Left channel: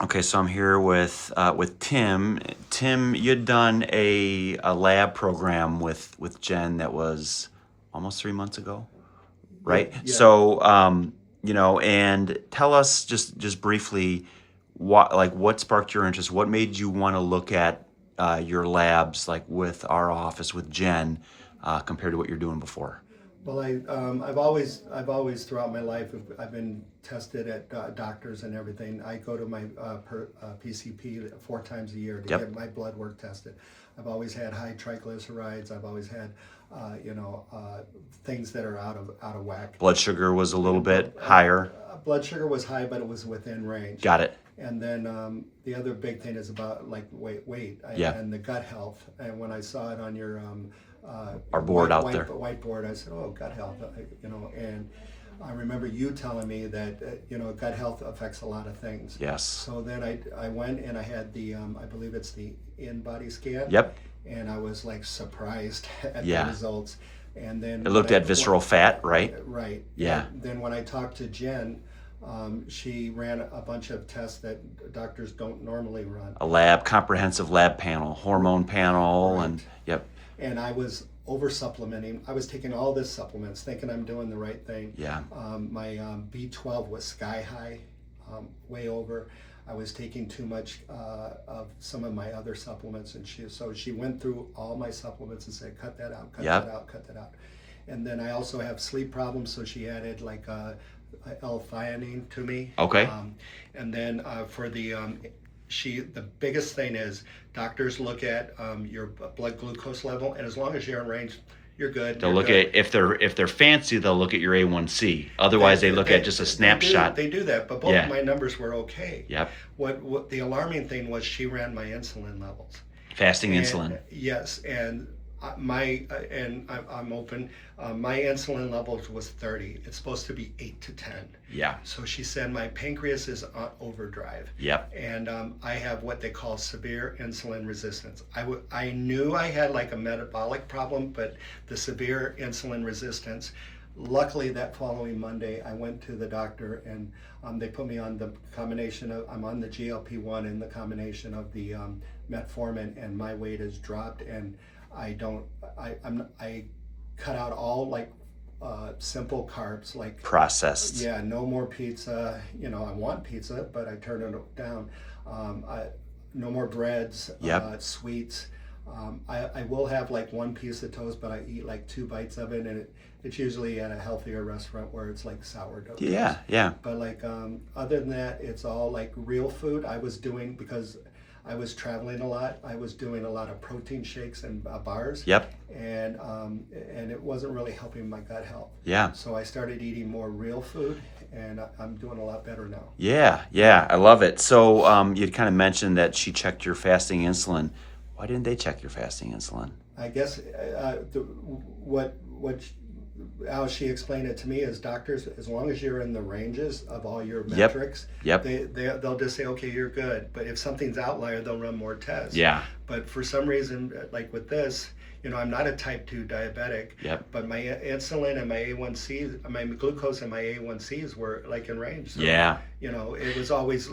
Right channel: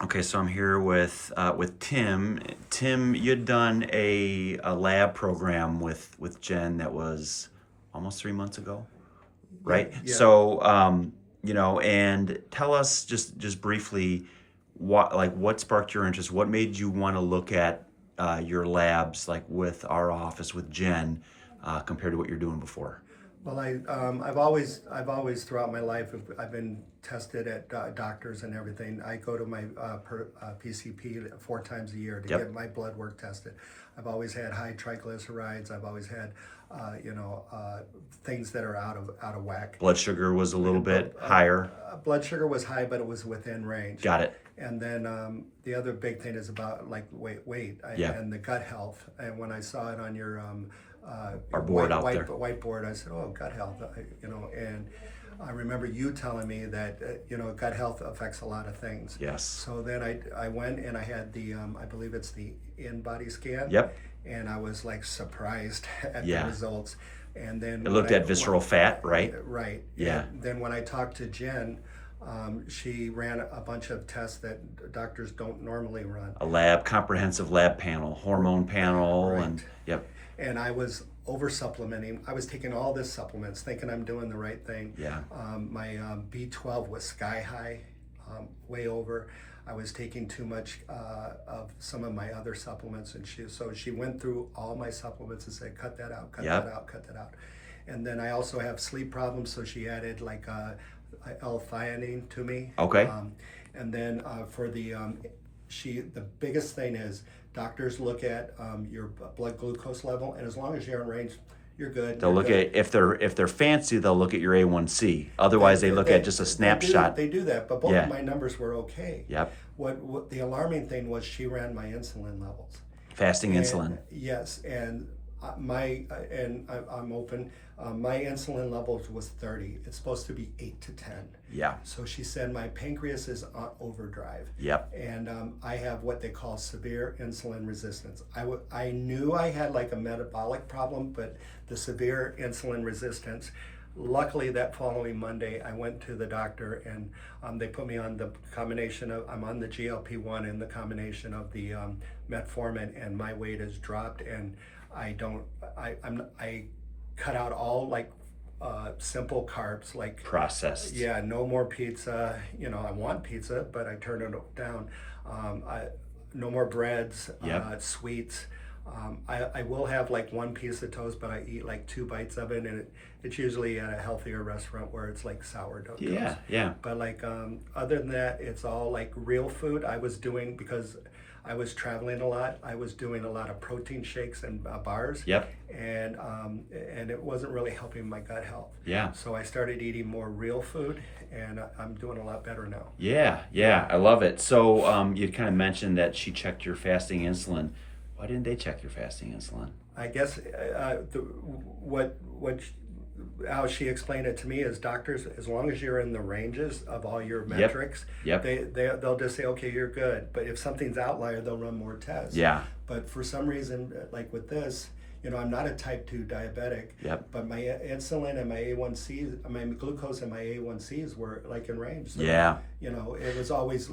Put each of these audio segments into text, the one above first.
Okay, so I'm here with Tim. Tim, you'd done a lab program with Jen that was almost 3 months ago, right? Yeah. So, and tell us just briefly what sparked your interest. What made you want to look at your labs like with our office with Jen compared to what you're doing before? Well, I've always throughout my life, I've been tested at doctors and everything. I go to my PCP 4 times a year to Yep. get my blood work tested. I've always had high triglycerides. I've always had, things that are out of whack. Blood sugar was a little Blood, bit higher. blood sugar was high, but it was within range. Got it. And then the other big thing is about like Yeah. and the gut health. And when I saw it on your Our board out there. whiteboard, I said, "Oh, gut health," And I remember you telling me that gut health affects a lot of things. Yes. So then I went and I had the I believe it's the in-body scan. Yep. And I was like surprised at Yeah. the results. And then It looked at visceral fat, right? Right. Yeah. And then when I talked to Jen, she ran a bunch of tests that doctors don't normally run. A comprehensive lab panel, hormone panel, Right. and yep, And I was over supplementing. I was taking all this supplements, thinking I'm doing the right thing. yeah, My B12 was sky high, way over. I was taking too much of some of my other supplements, and she went through all my supplements and said, "Cut that out, cut Yep. that out, cut that out." And then I also have sleep problems, so she added like L-theanine to me. Okay. And then for the biggest thing is doctors look at your blood glucose level, and as long as you're in range, you're good. They'll you're look good. at if they're fancy, they'll look at your A1C. Otherwise, they look at just a snapshot. They do that, but both Yeah. of my numbers were okay. Yep, What the alarming thing was, she ran my insulin levels. fasting And, insulin. yes, and I'm open. My insulin levels was 30. It's supposed to be 8 to 10. Yeah, So she said my pancreas is on overdrive. yep, And I have what they call severe insulin resistance. I knew I had like a metabolic problem, but the severe insulin resistance. Luckily, that following Monday, I went to the doctor and they put me on the combination of, I'm on the GLP-1 and the combination of the metformin, and my weight has dropped. And I cut out all like simple carbs, like processed. yeah, no more pizza. I want pizza, but I turn it down. No more breads, Yep. sweets. I will have like one piece of toast, but I eat like 2 bites of it, and it's usually at a healthier restaurant where it's like sourdough toast. Yeah, yeah, But like other than that, it's all like real food. I was doing, because I was traveling a lot, I was doing a lot of protein shakes and bars. yep, And it wasn't really helping my gut health. yeah, So I started eating more real food, and I'm doing a lot better now. yeah, yeah. I love it. So, you kind of mentioned that she checked your fasting insulin. Why didn't they check your fasting insulin? I guess what how she explained it to me is doctors, as long as you're in the ranges of all your Yep. metrics, Yep. they'll just say, okay, you're good. But if something's outlier, they'll run more tests. Yeah. But for some reason, like with this, I'm not a type 2 diabetic, Yep. but my insulin and my A1Cs, my glucose and my A1Cs were like in range. So, Yeah. it was always,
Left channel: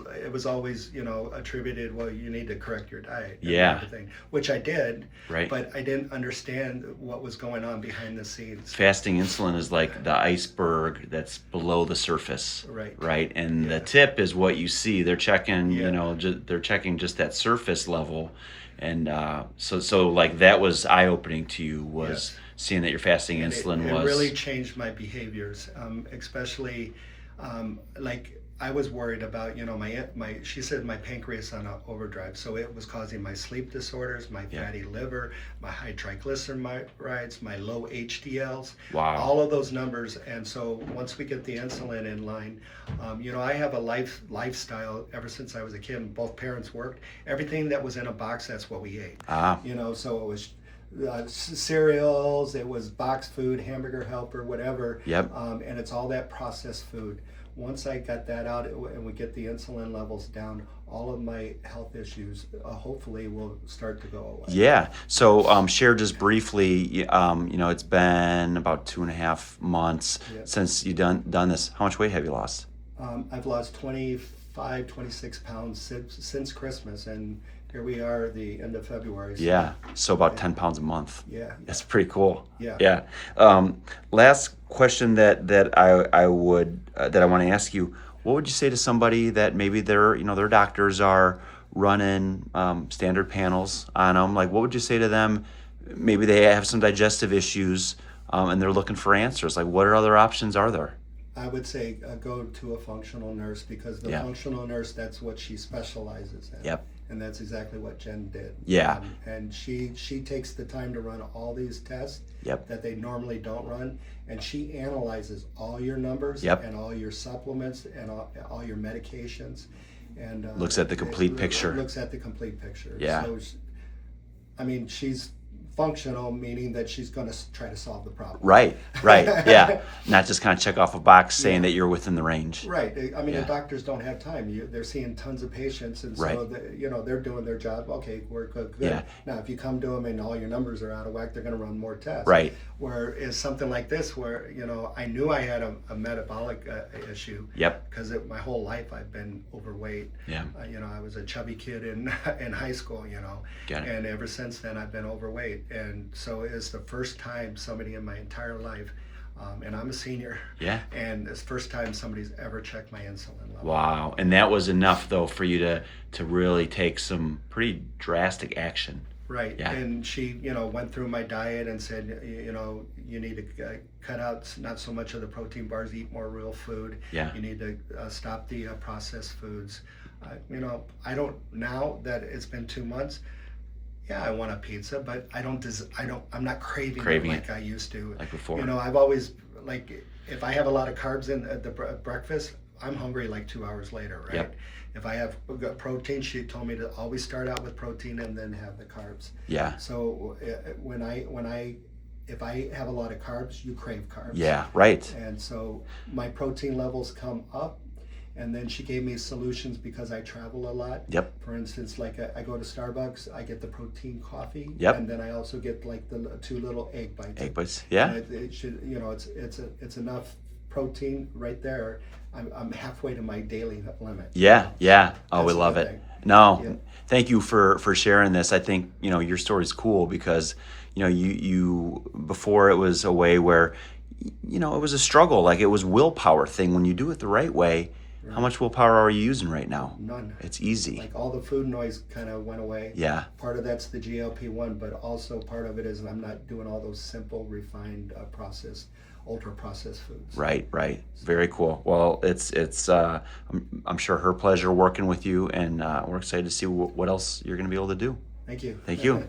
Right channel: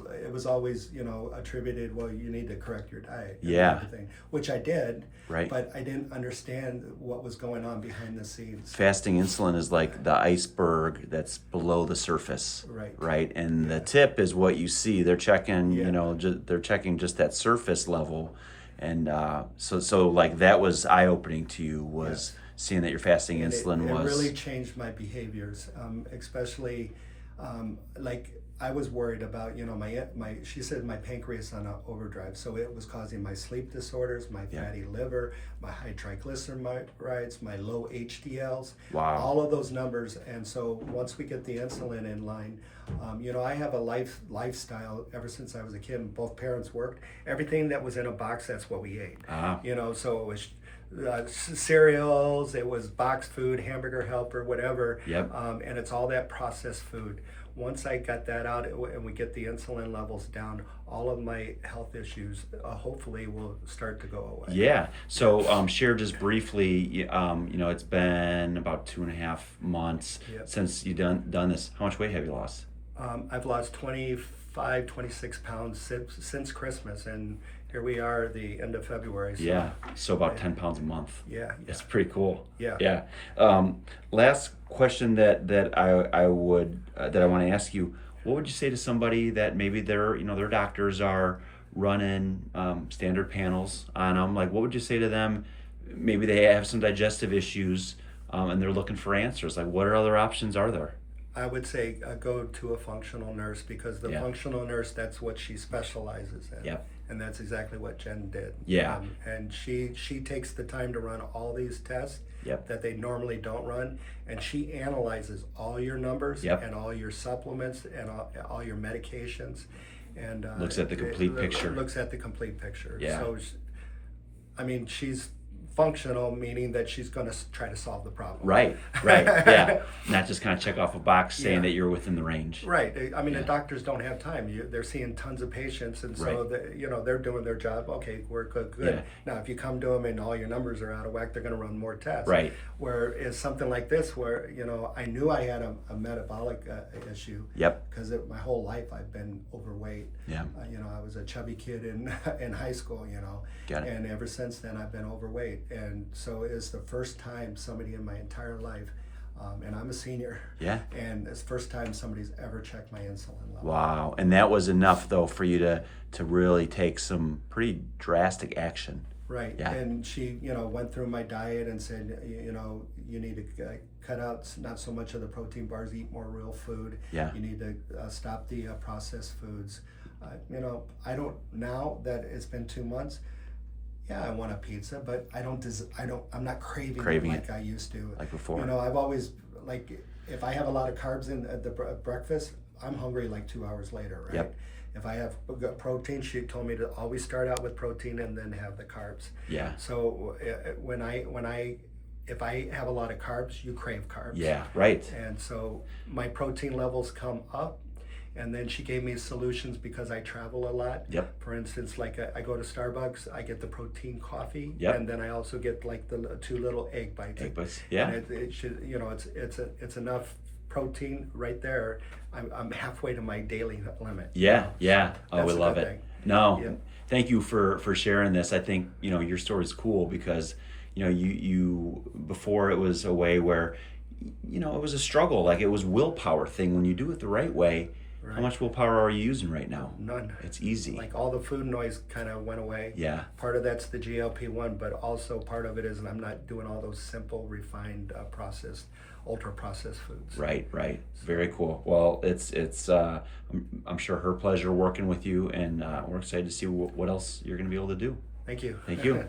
attributed, well, you need to correct your diet. And Yeah. everything, which I did, Right. but I didn't understand what was going on behind the scenes. Fasting insulin is like the iceberg that's below the surface. Right. Right. And the Yeah. tip is what you see. They're checking, Yeah. they're checking just that surface level. And so like that was eye-opening to you, was Yes. seeing that your fasting And insulin it was. really changed my behaviors, especially like I was worried about, she said my pancreas on overdrive, so it was causing my sleep disorders, my Yeah. fatty liver, my high triglycerides, my low HDLs, Wow. all of those numbers. And so once we get the insulin in line, I have a lifestyle ever since I was a kid. Both parents worked. Everything that was in a box, that's what we ate. Ah. So it was cereals, it was boxed food, hamburger helper, whatever. Yep. And it's all that processed food. Once I got that out and we get the insulin levels down, all of my health issues hopefully will start to go away. Yeah. So share just briefly, it's been about 2.5 months Yep. since you done this. How much weight have you lost? I've lost 25 26 pounds since Christmas, and here we are the end of February. So, Yeah. So about 10 pounds a month. yeah, That's pretty cool. yeah. Yeah. Last question that I want to ask you. What would you say to somebody that maybe their doctors are running standard panels on them? Like, what would you say to them? Maybe they have some digestive issues and they're looking for answers. Like, what other options are there? I would say go to a functional nurse, because the Yeah. functional nurse, that's what she specializes in. Yep. And that's exactly what Jen did. Yeah. And she takes the time to run all these tests Yep. that they normally don't run, and she analyzes all your numbers Yep. and all your supplements and all your medications, and Looks at the complete picture. Looks at the complete picture. Yeah. So, I mean, she's functional, meaning that she's going to try to solve the problem. Right. Yeah. Not just kind of check off a box saying Yeah. that you're within the range. Right. I mean, Yeah. the doctors don't have time. They're seeing tons of patients, and so Right. they're doing their job. Okay, we're good. Yeah. Now, if you come to them and all your numbers are out of whack, they're going to run more tests. Right. Whereas something like this, where I knew I had a metabolic issue. Yep. Because my whole life I've been overweight. Yeah. I was a chubby kid in in high school. Got it. And ever since then I've been overweight, and so it's the first time somebody in my entire life, and I'm a senior. Yeah. And it's the first time somebody's ever checked my insulin level. Wow. And that was enough though for you to really take some pretty drastic action. Right. Yeah. And she, went through my diet and said, you need to cut out not so much of the protein bars, eat more real food. Yeah. You need to stop the processed foods. I don't, now that it's been 2 months, yeah, I want a pizza, but I'm not craving Craving it like it. I used to. Like before. I've always, if I have a lot of carbs in at the breakfast, I'm hungry like 2 hours later, right? Yep. If I have protein, she told me to always start out with protein and then have the carbs. Yeah. So if I have a lot of carbs, you crave carbs. Yeah. Right. And so my protein levels come up. And then she gave me solutions because I travel a lot. Yep. For instance, like I go to Starbucks, I get the protein coffee. Yep. And then I also get like the 2 little egg bites. Egg bites. Yeah. And it should, it's enough protein right there. I'm halfway to my daily limit. Yeah. Yeah. Oh, That's we a love good it. thing. No. Yeah. Thank you for sharing this. I think, your story's cool because, you before it was a way where, it was a struggle. Like it was willpower thing. When you do it the right way, how much willpower are you using right now? None. It's easy. Like all the food noise kind of went away. Yeah. Part of that's the GLP-1, but also part of it is I'm not doing all those simple, refined, processed, ultra-processed foods. Right. Very cool. Well, it's I'm sure her pleasure working with you, and we're excited to see what else you're going to be able to do. Thank you. Thank you.